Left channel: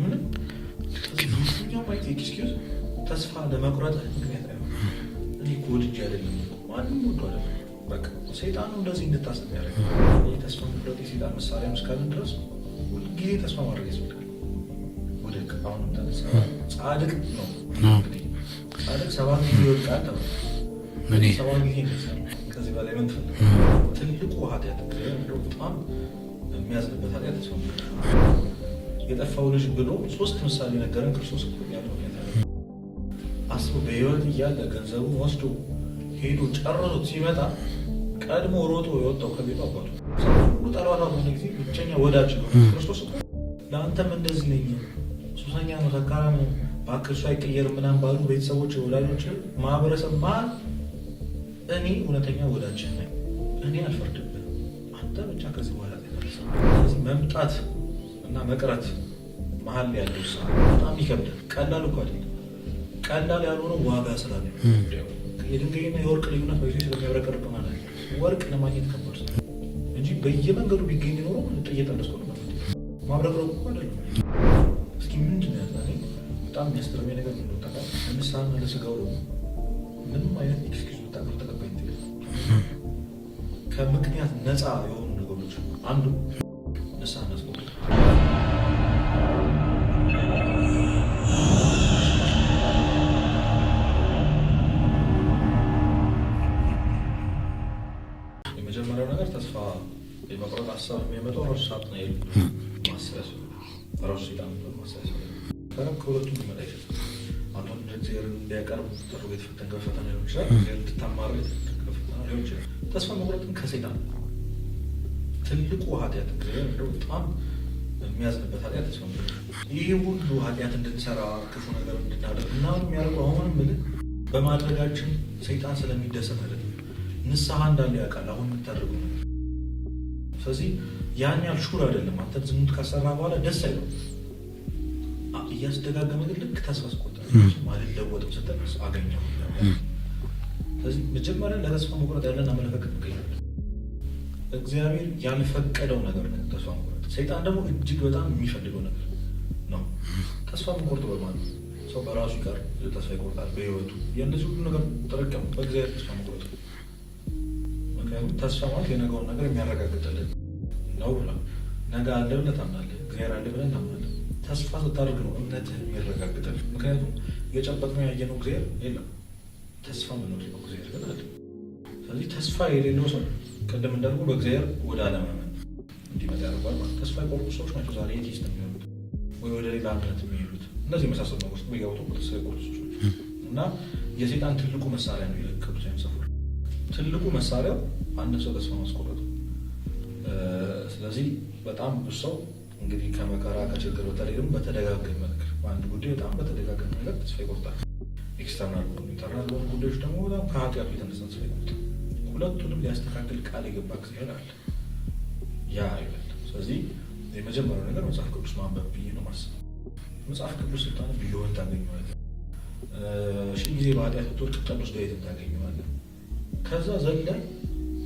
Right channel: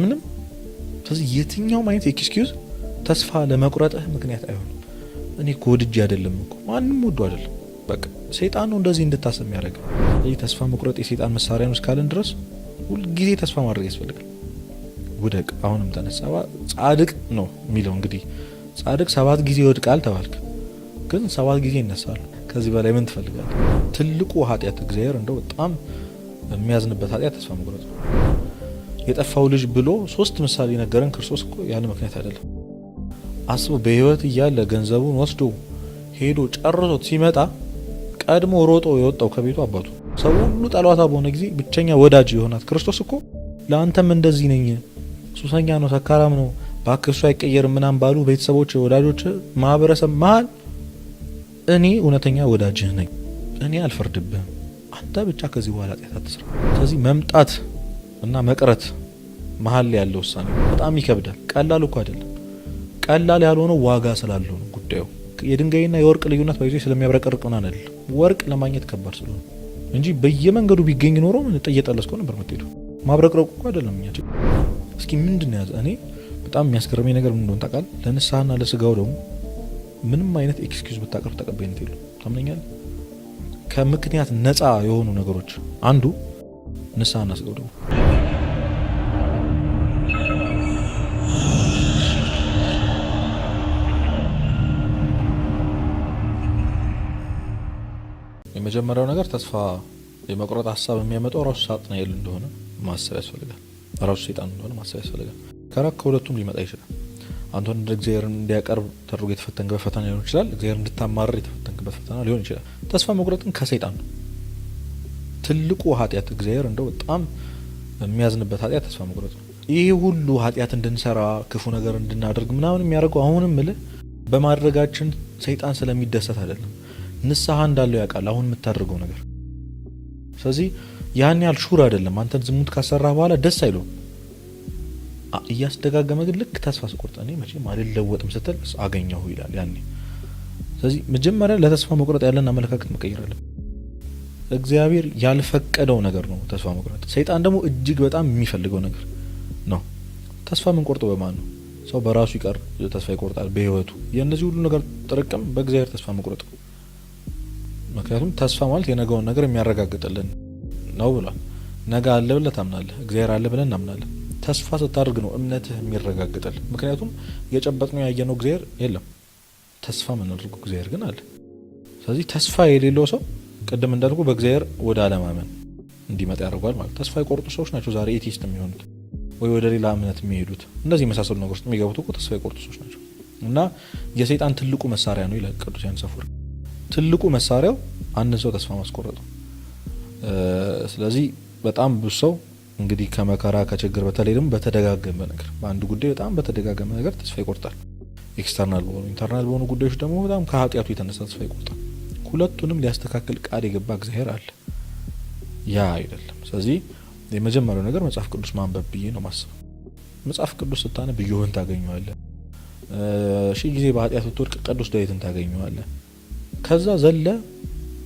ምንም ስለዚህ የትኛው ማይነት ኤክስኪውዝ ተስፋ ለመቁረጥ ምክንያት አይሆን። እኔ ኮድጅ አይደለም እኮ ማንንም ወዶ አይደለም በቃ ሰይጣን ነው እንደዚህ እንድታስብ የሚያደርገው። ይሄ ተስፋ መቁረጥ የሰይጣን መሳሪያ ነው እስካለን ድረስ ሁሉ ጊዜ ተስፋ ማድረግ ያስፈልጋል። ወደቅ አሁንም ተነሳ ጻድቅ ነው የሚለው እንግዲህ ጻድቅ 7 ጊዜ ይወድቃል ተባለ ግን 7 ጊዜ ይነሳል። ከዚህ በላይ ምን ትፈልጋለህ? ትልቁ ኃጢአት እግዚአብሔር እንደው በጣም የሚያዝንበት ኃጢአት ተስፋ መቁረጥ። የጠፋው ልጅ ብሎ 3 ምሳሌ ነገረን ክርስቶስ እኮ ያለ ምክንያት አይደለም። አስቦ በህይወት እያለ ገንዘቡን ወስዶ ሄዶ ጨርሶት ሲመጣ ቀድሞ ሮጦ የወጣው ከቤቱ አባቱ ሰው ሁሉ ጠላታ በሆነ ጊዜ ብቸኛ ወዳጅ የሆነ ክርስቶስ እኮ ለአንተም እንደዚህ ነኝ፣ ሱሰኛ ነው፣ ሰካራም ነው፣ ባክሱ አይቀየርም ምናምን ባሉ ቤተሰቦች፣ ወዳጆች፣ ማህበረሰብ መሀል እኔ እውነተኛ ወዳጅህ ነኝ፣ እኔ አልፈርድብህም፣ አንተ ብቻ ከዚህ በኋላ ኃጢአት አትስራ። ስለዚህ መምጣት እና መቅረት መሀል ያለው ውሳኔ በጣም ይከብዳል። ቀላል እኮ አይደለም። ቀላል ያልሆነው ዋጋ ስላለው ጉዳዩ የድንጋይና የወርቅ ልዩነት በጊዜ ስለሚያብረቀርቅ ሆነ አይደል? ወርቅ ለማግኘት ከባድ ነው እንጂ በየመንገዱ ቢገኝ ኖሮ ምን እየጠለስከው ነበር የምትሄደው። ማብረቅረቁ እኮ አይደለም እንጂ። እስኪ ምንድን ነው ያዘ? እኔ በጣም የሚያስገርመኝ ነገር ምን እንደሆነ ታውቃለህ? ለንስሐና ለስጋው ደግሞ ምንም አይነት ኤክስኪውዝ ብታቀርብ ተቀባይነት የለም። ታመኛ ከምክንያት ነፃ የሆኑ ነገሮች አንዱ ንስሐና ስጋው ነው። የመጀመሪያው ነገር ተስፋ የመቁረጥ ሀሳብ የሚያመጣው ራሱ ሳጥናኤል እንደሆነ ማሰብ ያስፈልጋል። ራሱ ሰይጣን እንደሆነ ማሰብ ያስፈልጋል። ከሁለቱም ሊመጣ ይችላል። አንተን እንደ እግዚአብሔር እንዲያቀርብ ተደርጎ የተፈተንክ በፈተና ሊሆን ይችላል። እግዚአብሔር እንድታማርር የተፈተንክ በፈተና ሊሆን ይችላል። ተስፋ መቁረጥን ከሰይጣን ነው። ትልቁ ኃጢአት እግዚአብሔር እንደው በጣም የሚያዝንበት ኃጢአት ተስፋ መቁረጥ። ይህ ሁሉ ኃጢአት እንድንሰራ ክፉ ነገር እንድናደርግ ምናምን የሚያደርገው አሁንም ምልህ በማድረጋችን ሰይጣን ስለሚደሰት አይደለም። ንስሐ እንዳለው ያውቃል አሁን የምታደርገው ነገር። ስለዚህ ያን ያህል ሹር አይደለም። አንተን ዝሙት ካሰራህ በኋላ ደስ አይለውም። እያስደጋገመ ግን ልክ ተስፋ ስቆርጥ አልለወጥም ስትል አገኘሁ ይላል ያን። ስለዚህ መጀመሪያ ለተስፋ መቁረጥ ያለን አመለካከት መቀየር አለብን። እግዚአብሔር ያልፈቀደው ነገር ነው ተስፋ መቁረጥ። ሰይጣን ደግሞ እጅግ በጣም የሚፈልገው ነገር ነው። ተስፋ የምንቆርጠው በማን ነው? ሰው በራሱ ይቀር ተስፋ ይቆርጣል በህይወቱ። የእነዚህ ሁሉ ነገር ጥርቅም በእግዚአብሔር ተስፋ መቁረጥ ነው። ምክንያቱም ተስፋ ማለት የነገውን ነገር የሚያረጋግጥልን ነው ብሏል። ነገ አለ ብለህ ታምናለህ፣ እግዚአብሔር አለ ብለን እናምናለን። ተስፋ ስታደርግ ነው እምነትህ የሚረጋግጥልን። ምክንያቱም የጨበጥነው ያየነው እግዚአብሔር የለም፣ ተስፋ የምናደርገው እግዚአብሔር ግን አለ። ስለዚህ ተስፋ የሌለው ሰው ቅድም እንዳልኩ በእግዚአብሔር ወደ አለማመን እንዲመጣ ያደርጓል ማለት። ተስፋ የቆርጡ ሰዎች ናቸው ዛሬ ኤቲስት የሚሆኑት ወይ ወደ ሌላ እምነት የሚሄዱት። እንደዚህ የመሳሰሉ ነገሮች የሚገቡት እኮ ተስፋ የቆርጡ ሰዎች ናቸው። እና የሰይጣን ትልቁ መሳሪያ ነው ይላል ቅዱስ ዮሐንስ አፈወርቅ። ትልቁ መሳሪያው አንድ ሰው ተስፋ ማስቆረጡ። ስለዚህ በጣም ብዙ ሰው እንግዲህ ከመከራ ከችግር በተለይ ደግሞ በተደጋገመ ነገር በአንድ ጉዳይ በጣም በተደጋገመ ነገር ተስፋ ይቆርጣል። ኤክስተርናል በሆኑ ኢንተርናል በሆኑ ጉዳዮች ደግሞ በጣም ከኃጢአቱ የተነሳ ተስፋ ይቆርጣል። ሁለቱንም ሊያስተካክል ቃል የገባ እግዚአብሔር አለ፣ ያ አይደለም። ስለዚህ የመጀመሪያው ነገር መጽሐፍ ቅዱስ ማንበብ ብዬ ነው ማስበው። መጽሐፍ ቅዱስ ስታነብ ኢዮብን ታገኘዋለህ። 1000 ጊዜ በኃጢአት ብትወድቅ ቅዱስ ዳዊትን ታገኘዋለህ። ከዛ ዘለ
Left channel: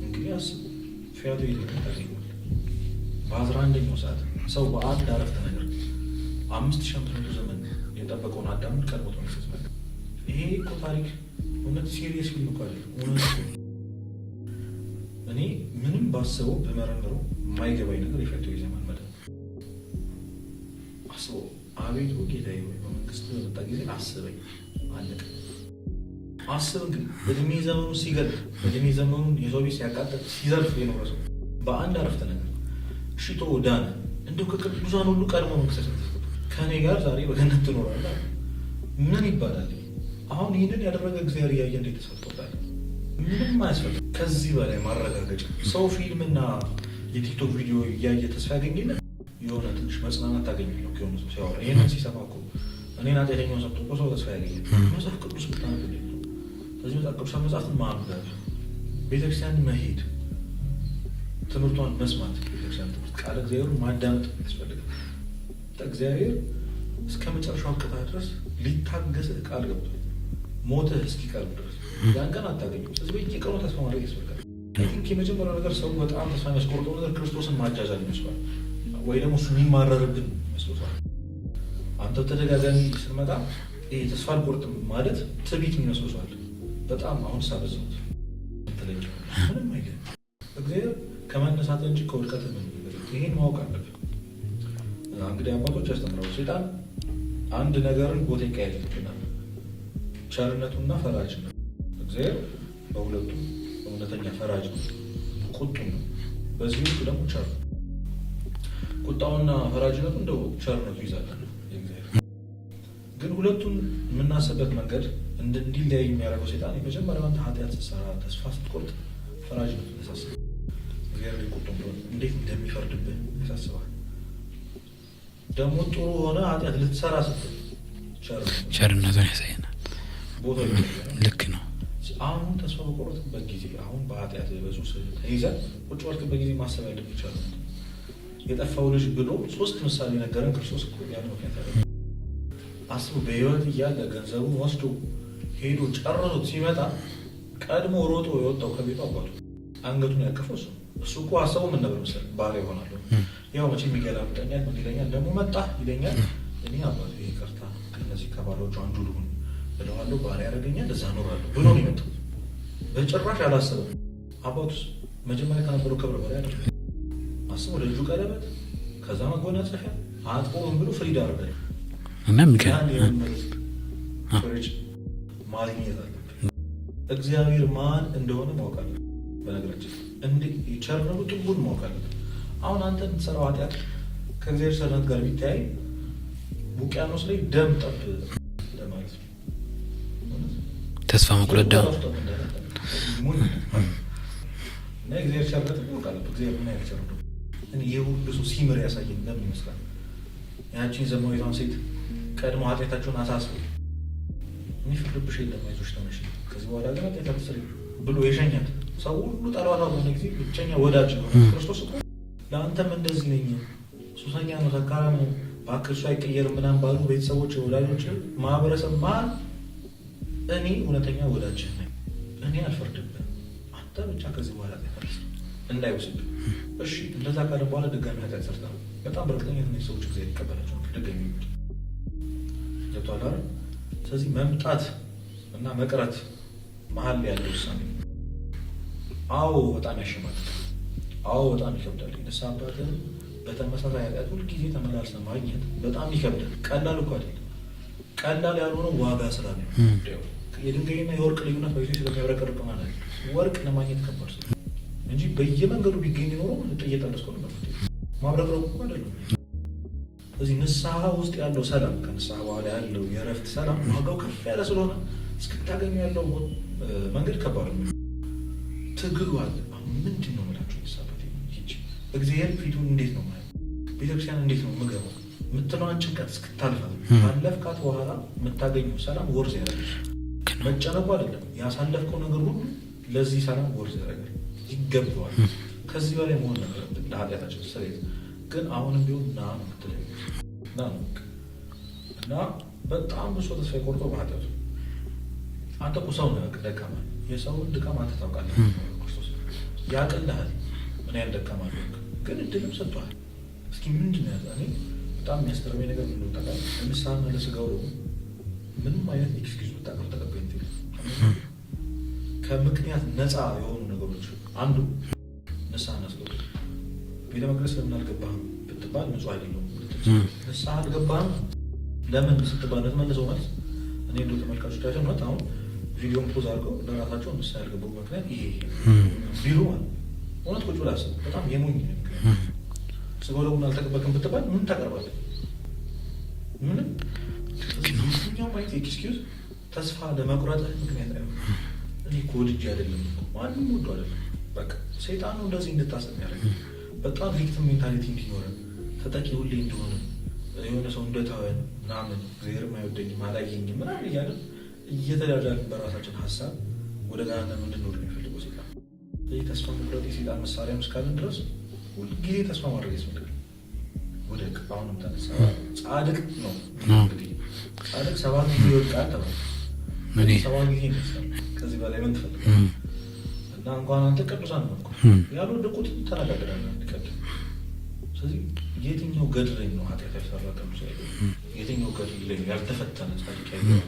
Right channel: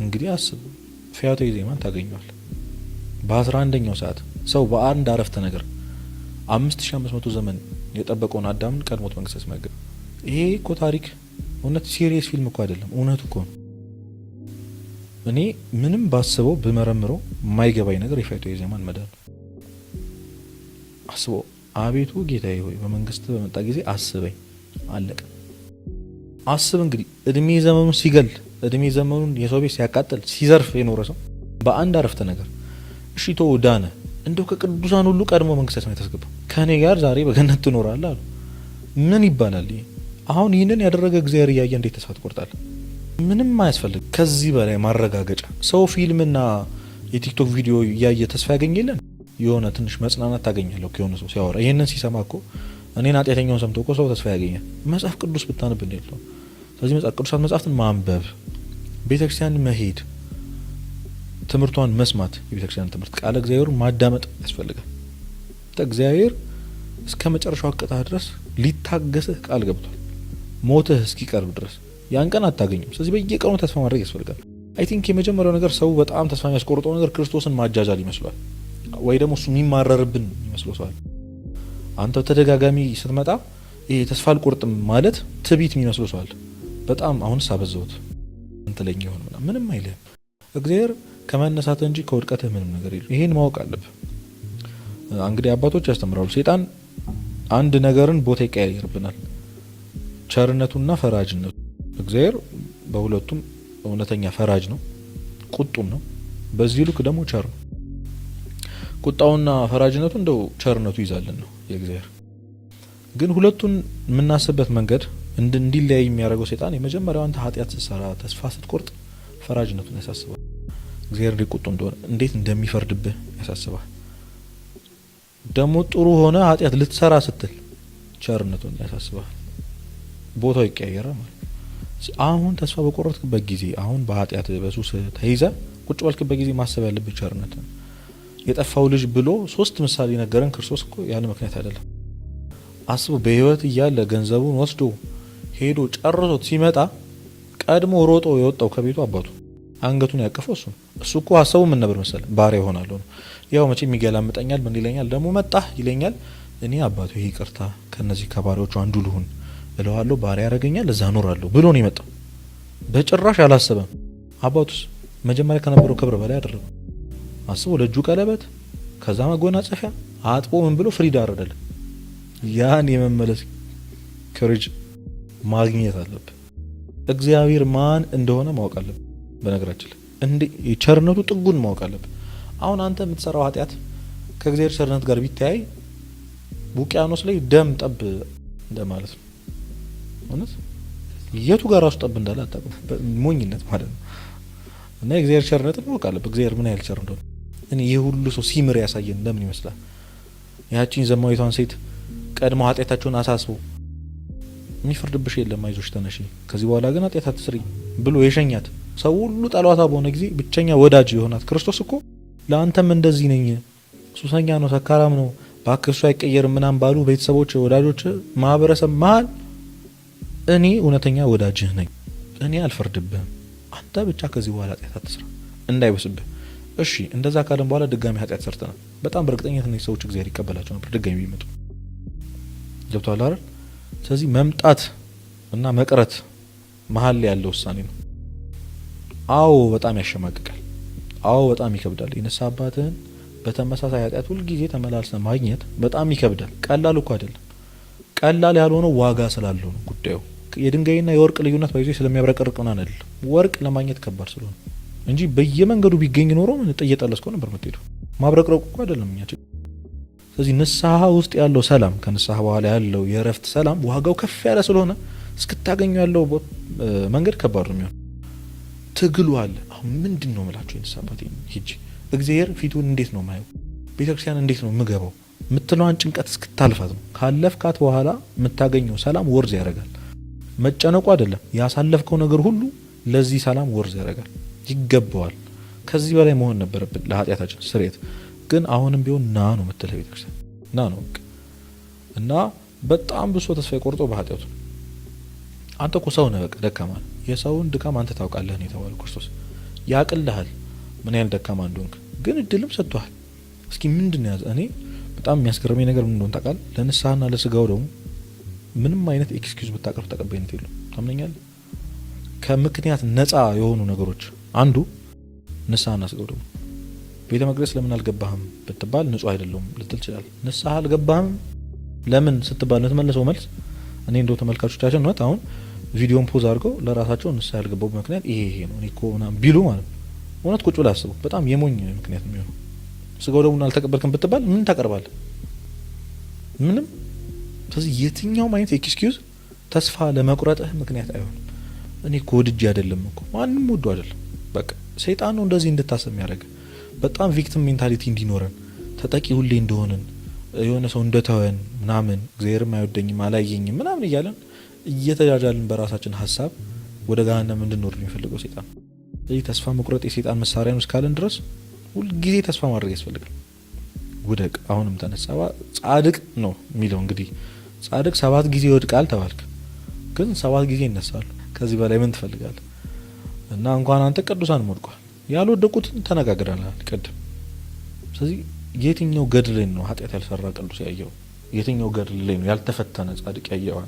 እንግዲህ አስብ ፈያታዊ ዜማን ታገኘዋለህ። በ11ኛው ሰዓት ሰው በአንድ አረፍተ ነገር 5500 ዘመን የጠበቀውን አዳምን ቀድሞት መንግስት ያስመገብ። ይሄ እኮ ታሪክ እውነት ሲሪየስ ፊልም እኮ አይደለም፣ እውነት እኮ። እኔ ምንም ባስበው ብመረምረው የማይገባኝ ነገር የፈያታዊ ዜማን መዳን። አስበው፣ አቤቱ ጌታዬ ሆይ በመንግስት በመጣ ጊዜ አስበኝ። አለቀ። አስብ እንግዲህ እድሜ ዘመኑን ሲገል፣ እድሜ ዘመኑን የሰው ቤት ሲያቃጥል፣ ሲዘርፍ የኖረ ሰው በአንድ አረፍተ ነገር እሺ ተው ዳነ። እንደው ከቅዱሳን ሁሉ ቀድሞ መንግስት ነው የተስገባው። ከኔ ጋር ዛሬ በገነት ትኖራለህ። ምን ይባላል? አሁን ይህንን ያደረገ እግዚአብሔር እያየ እንዴት ተስፋ ትቆርጣለህ? ምንም አያስፈልግ ከዚህ በላይ ማረጋገጫ። ሰው ፊልምና የቲክቶክ ቪዲዮ እያየ ተስፋ ያገኘልን የሆነ ትንሽ መጽናናት ታገኛለህ ከሆነ ሰው ሲያወራ። ይሄንን ሲሰማ እኮ እኔን ኃጢአተኛውን ሰምቶ እኮ ሰው ተስፋ ያገኛል። መጽሐፍ ቅዱስ ብታነብ ነው። ስለዚህ መጽሐፍ ቅዱሳን መጽሐፍትን ማንበብ፣ ቤተክርስቲያን መሄድ፣ ትምህርቷን መስማት፣ የቤተክርስቲያን ትምህርት ቃለ እግዚአብሔር ማዳመጥ ያስፈልጋል። እግዚአብሔር እስከ መጨረሻው አቅጣ ድረስ ሊታገስህ ቃል ገብቷል። ሞትህ እስኪቀርብ ድረስ ያን ቀን አታገኙም። ስለዚህ በየቀኑ ተስፋ ማድረግ ያስፈልጋል። አይ ቲንክ የመጀመሪያው ነገር ሰው በጣም ተስፋ የሚያስቆርጠው ነገር ክርስቶስን ማጃጃል ይመስላል፣ ወይ ደግሞ እሱ የሚማረርብን ይመስለው ሰው። አንተ ተደጋጋሚ ስትመጣ ይሄ ተስፋ አልቆርጥም ማለት ትቢት የሚመስለው ሰው አለ። በጣም አሁን ሳበዛውት እንትለኛው ምንም አይልም። እግዚአብሔር ከመነሳት እንጂ ከውድቀትህ ምንም ነገር የለም። ይሄን ማወቅ አለብህ። እንግዲህ አባቶች ያስተምራሉ። ሰይጣን አንድ ነገርን ቦታ ይቀያየርብናል፣ ቸርነቱና ፈራጅነቱ። እግዚአብሔር በሁለቱም እውነተኛ ፈራጅ ነው፣ ቁጡም ነው። በዚህ ልክ ደግሞ ቸር ነው። ቁጣውና ፈራጅነቱ እንደው ቸርነቱ ይዛለን ነው የእግዚአብሔር። ግን ሁለቱን የምናስብበት መንገድ እንዲለያይ የሚያደርገው ሰይጣን የመጀመሪያው አንተ ኃጢአት ስትሰራ ተስፋ ስትቆርጥ ፈራጅነቱን ያሳስባል። እግዚአብሔር ቁጡ እንደሆነ እንዴት እንደሚፈርድብህ ያሳስባል። ደግሞ ጥሩ ሆነ ኃጢአት ልትሰራ ስትል ቸርነቱን ያሳየናል። ቦታው ይቀየራል። ልክ ነው። አሁን ተስፋ በቆረጥክበት ጊዜ፣ አሁን በኃጢአት በሱስ ተይዘህ ቁጭ ባልክበት ጊዜ ማሰብ ያለብህ ቸርነቱን። የጠፋው ልጅ ብሎ 3 ምሳሌ ነገረን ክርስቶስ እኮ ያለ ምክንያት አይደለም። አስቡ፣ በህይወት እያለ ገንዘቡን ወስዶ ሄዶ ጨርሶት ሲመጣ ቀድሞ ሮጦ የወጣው ከቤቱ አባቱ አንገቱን ያቀፈው እሱ እኮ ሀሳቡ ምን ነበር መሰለህ? ባሪያ ይሆናል። ያው መቼም ይገላምጠኛል፣ ምን ይለኛል፣ ደግሞ መጣ ይለኛል፣ እኔ አባቱ ይሄ ይቅርታ ከነዚህ ከባሪያዎቹ አንዱ ልሁን እለዋለሁ፣ ባሪያ ያደርገኛል፣ እዛ እኖራለሁ ብሎ ነው የመጣው። በጭራሽ አላሰበም። አባቱስ መጀመሪያ ከነበረው ክብር በላይ አደረገ። አስቡ፣ ለእጁ ቀለበት፣ ከዛ መጎናጸፊያ አጥቦ ምን ብሎ ፍሪዳ አረደለ። ያን የመመለስ ፍሪጅ ማግኘት አለብን። እግዚአብሔር ማን እንደሆነ ማወቅ አለብን። በነገራችን እንዴ ቸርነቱ ጥጉን ማወቅ አለብን። አሁን አንተ የምትሰራው ኃጢአት ከእግዚአብሔር ቸርነት ጋር ቢተያይ ውቅያኖስ ላይ ደም ጠብ እንደማለት ነው። ማለት ተስፋ የቱ ጋር ራሱ ጠብ እንዳለ አታውቅም። ሞኝነት ማለት ነው። እና የእግዚአብሔር ቸርነት ማወቅ አለብን። እግዚአብሔር ምን ያህል ቸር እንደሆነ እኔ የሁሉ ሰው ሲምር ያሳየን እንደምን ይመስላል? ያቺን ዘማዊቷን ሴት ቀድሞ ኃጢአታቸውን አሳስቦ የሚፈርድብሽ የለም አይዞሽ ተነሽ፣ ከዚህ በኋላ ግን ኃጢአት አትስሪ ብሎ የሸኛት ሰው ሁሉ ጠሏታ በሆነ ጊዜ ብቸኛ ወዳጅ የሆናት ክርስቶስ እኮ ለአንተም እንደዚህ ነኝ፣ ሱሰኛ ነው፣ ሰካራም ነው፣ እባክህ እሱ አይቀየርም ምናምን ባሉ ቤተሰቦች፣ ወዳጆች፣ ማህበረሰብ መሀል እኔ እውነተኛ ወዳጅህ ነኝ፣ እኔ አልፈርድብህም፣ አንተ ብቻ ከዚህ በኋላ ኃጢአት አትስራ እንዳይበስብህ። እሺ እንደዛ ካለን በኋላ ድጋሚ ኃጢአት ሰርተናል፣ በጣም በእርግጠኝነት እነዚህ ሰዎች እግዚአብሔር ይቀበላቸው ነበር ድጋሚ ቢመጡ። ገብቶሃል አይደል? ስለዚህ መምጣት እና መቅረት መሀል ላይ ያለው ውሳኔ ነው። አዎ በጣም ያሸማቅቃል። አዎ በጣም ይከብዳል። የነሳ አባትህን በተመሳሳይ ኃጢአት ሁልጊዜ ተመላልሰህ ማግኘት በጣም ይከብዳል። ቀላል እኮ አይደለም። ቀላል ያልሆነው ዋጋ ስላለው ጉዳዩ የድንጋይና የወርቅ ልዩነት ባይዞ ስለሚያብረቀርቅ ነው አይደል? ወርቅ ለማግኘት ከባድ ስለሆነ እንጂ በየመንገዱ ቢገኝ ኖሮ ምን ጠየጠለስከው ነበር የምትሄደው። ማብረቅረቁ እኮ አይደለም የሚያጭ። ስለዚህ ንስሐ ውስጥ ያለው ሰላም ከንስሐ በኋላ ያለው የእረፍት ሰላም ዋጋው ከፍ ያለ ስለሆነ እስክታገኙ ያለው መንገድ ከባድ ነው የሚሆነው። ትግሉ አለ። አሁን ምንድን ነው የምላቸው የንስሐ አባቴ ሂጅ እግዚአብሔር ፊቱን እንዴት ነው ማየው፣ ቤተክርስቲያን እንዴት ነው የምገባው የምትለዋን ጭንቀት እስክታልፋት ነው። ካለፍካት በኋላ የምታገኘው ሰላም ወርዝ ያደርጋል። መጨነቁ አይደለም ያሳለፍከው ነገር ሁሉ ለዚህ ሰላም ወርዝ ያደርጋል፣ ይገባዋል። ከዚህ በላይ መሆን ነበረብን ለኃጢአታችን ስርየት። ግን አሁንም ቢሆን ና ነው የምትለው ቤተክርስቲያን ና ነው። እና በጣም ብሶ ተስፋ የቆርጦ በኃጢአቱ አንተ እኮ ሰው ነህ፣ በቃ ደካማ ነህ። የሰውን ድካም አንተ ታውቃለህ ተባለ ክርስቶስ። ያቅልሃል ምን ያህል ደካማ እንደሆንክ፣ ግን እድልም ሰጥቷል። እስኪ ምንድን ነው ያዘ? እኔ በጣም የሚያስገርመኝ ነገር ምን እንደሆነ ታውቃለህ? ለንስሐና ለስጋው ደግሞ ምንም አይነት ኤክስኪውዝ ብታቀርብ ተቀባይነት የለም። ታመኛለህ? ከምክንያት ነፃ የሆኑ ነገሮች አንዱ ንስሐና ስጋው። ቤተ መቅደስ ለምን አልገባህም ብትባል ንጹህ አይደለሁም ልትል ትችላለህ። ንስሐ አልገባህም ለምን ስትባል ለተመለሰው መልስ እኔ እንደው ተመልካቾቻችን ነው አሁን ቪዲዮን ፖዝ አድርገው ለራሳቸው ንስሐ ያልገባው ምክንያት ይሄ ነው ኮና ቢሉ ማለት ነው። እውነት ቁጭ ብለህ አስበው። በጣም የሞኝ ምክንያት ስጋው ደግሞ አልተቀበልክም ብትባል ምን ታቀርባለህ? ምንም። ስለዚህ የትኛውም አይነት ኤክስኪውዝ ተስፋ ለመቁረጥህ ምክንያት አይሆን። እኔ እኮ ወድጄ አይደለም እኮ ማንም ወዶ አይደለም። በቃ ሰይጣን ነው እንደዚህ እንድታሰብ ያደርግ። በጣም ቪክቲም ሜንታሊቲ እንዲኖረን ተጠቂ ሁሌ እንደሆነን የሆነ ሰው እንደተወን ምናምን እግዚአብሔርም አይወደኝም አላየኝም ምናምን እያለን እየተጃጃልን በራሳችን ሀሳብ ወደ ገሃነም እንድንወርድ የሚፈልገው ሰይጣን። ስለዚህ ተስፋ መቁረጥ የሰይጣን መሳሪያ ነው እስካለን ድረስ ሁልጊዜ ተስፋ ማድረግ ያስፈልጋል። ውደቅ አሁንም ተነሳ። ጻድቅ ነው የሚለው እንግዲህ ጻድቅ 7 ጊዜ ይወድቃል ተባልክ፣ ግን 7 ጊዜ ይነሳል። ከዚህ በላይ ምን ትፈልጋለህ? እና እንኳን አንተ ቅዱሳን ወድቋል፣ ያልወደቁትን ተነጋግረናል ቅድም። ስለዚህ የትኛው ገድል ላይ ነው ኃጢአት ያልሰራ ቅዱስ ያየው? የትኛው ገድል ላይ ነው ያልተፈተነ ጻድቅ ያየው?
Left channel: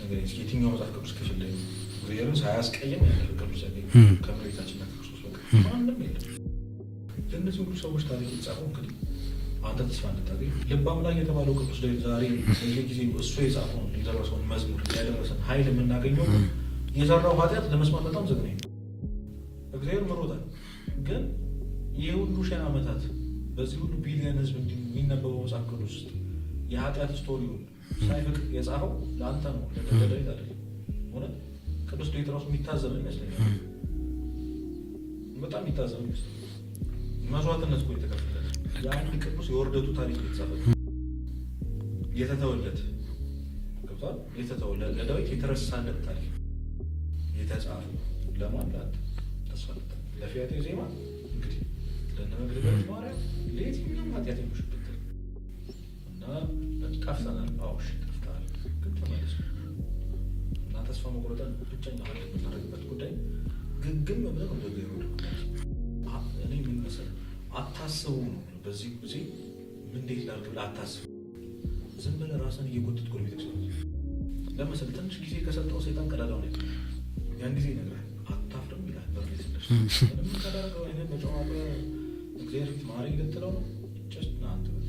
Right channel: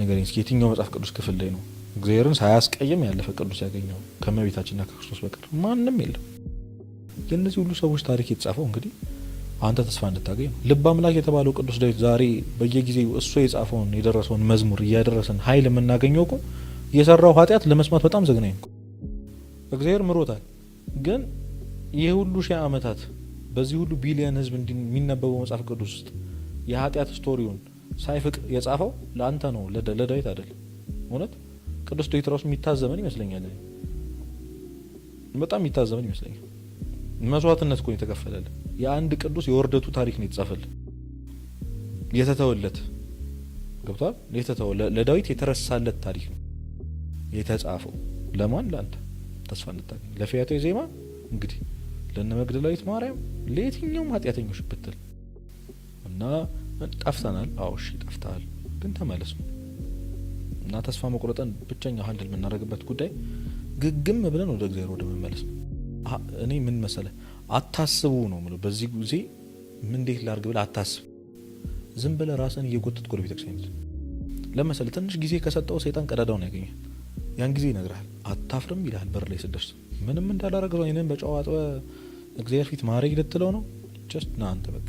ነገር የትኛው መጽሐፍ ቅዱስ ክፍል ላይ ነው እግዚአብሔርን ሳያስቀይም ያለፈ ቅዱስ ያገኘው? ከእመቤታችንና ከክርስቶስ በቀር ማንም የለም። የእነዚህ ሁሉ ሰዎች ታሪክ የተጻፈው እንግዲህ አንተ ተስፋ እንድታገኝ ልበ አምላክ የተባለው ቅዱስ ዳዊት ዛሬ በየጊዜው እሱ የጻፈውን የደረሰውን መዝሙር እያደረሰን ኃይል የምናገኘው እኮ የሰራው ኃጢአት ለመስማት በጣም ዘግናኝ ነው። እግዚአብሔር ምሮታል፣ ግን ይህ ሁሉ ሺህ ዓመታት በዚህ ሁሉ ቢሊየን ህዝብ የሚነበበው መጽሐፍ ቅዱስ ውስጥ የኃጢአት ስቶሪውን ሳይፍቅ የጻፈው ለአንተ ነው፣ ለዳዊት አይደለም። እውነት ቅዱስ ዳዊት ራሱ የሚታዘበን ይመስለኛል፣ በጣም የሚታዘበን ይመስለኛል። መስዋዕትነት እኮ የተከፈለለት የአንድ ቅዱስ የወርደቱ ታሪክ ነው የተጻፈለት፣ የተተወለት ገብቷል። ለዳዊት የተረሳለት ታሪክ ነው የተጻፈው። ለማን? ለአንተ ተስፋ ልታገኝ፣ ለፊያቶ ዜማ እንግዲህ ለእነ መግደላዊት ማርያም፣ ለየትኛውም ኃጢአተኞች ብትል እና ጠፍተናል። አዎሽ ጠፍተሃል፣ ግን ተመለስ እና ተስፋ መቁረጠን ብቸኛ ሀል የምናደርግበት ጉዳይ ግግም ብለን ወደ እግዚአብሔር ወደ መመለስ። እኔ ምን መሰለህ አታስቡ ነው የምለው። በዚህ ጊዜ ምን እንዴት ላድርግ ብለህ አታስብ። ዝም ብለህ ራስን እየጎተትክ ወደ ቤተክርስቲያን ለመሰለህ ትንሽ ጊዜ ከሰጠው ሰይጣን ቀዳዳውን ያገኛል። ያን ጊዜ ይነግርሃል፣ አታፍርም ይልሃል። በር ላይ ስደርስ ምንም ምን ታደርገው አይነን በጨዋታ እግዚአብሔር ፊት ማረግ ልትለው ነው። ጀስት ና አንተ በቃ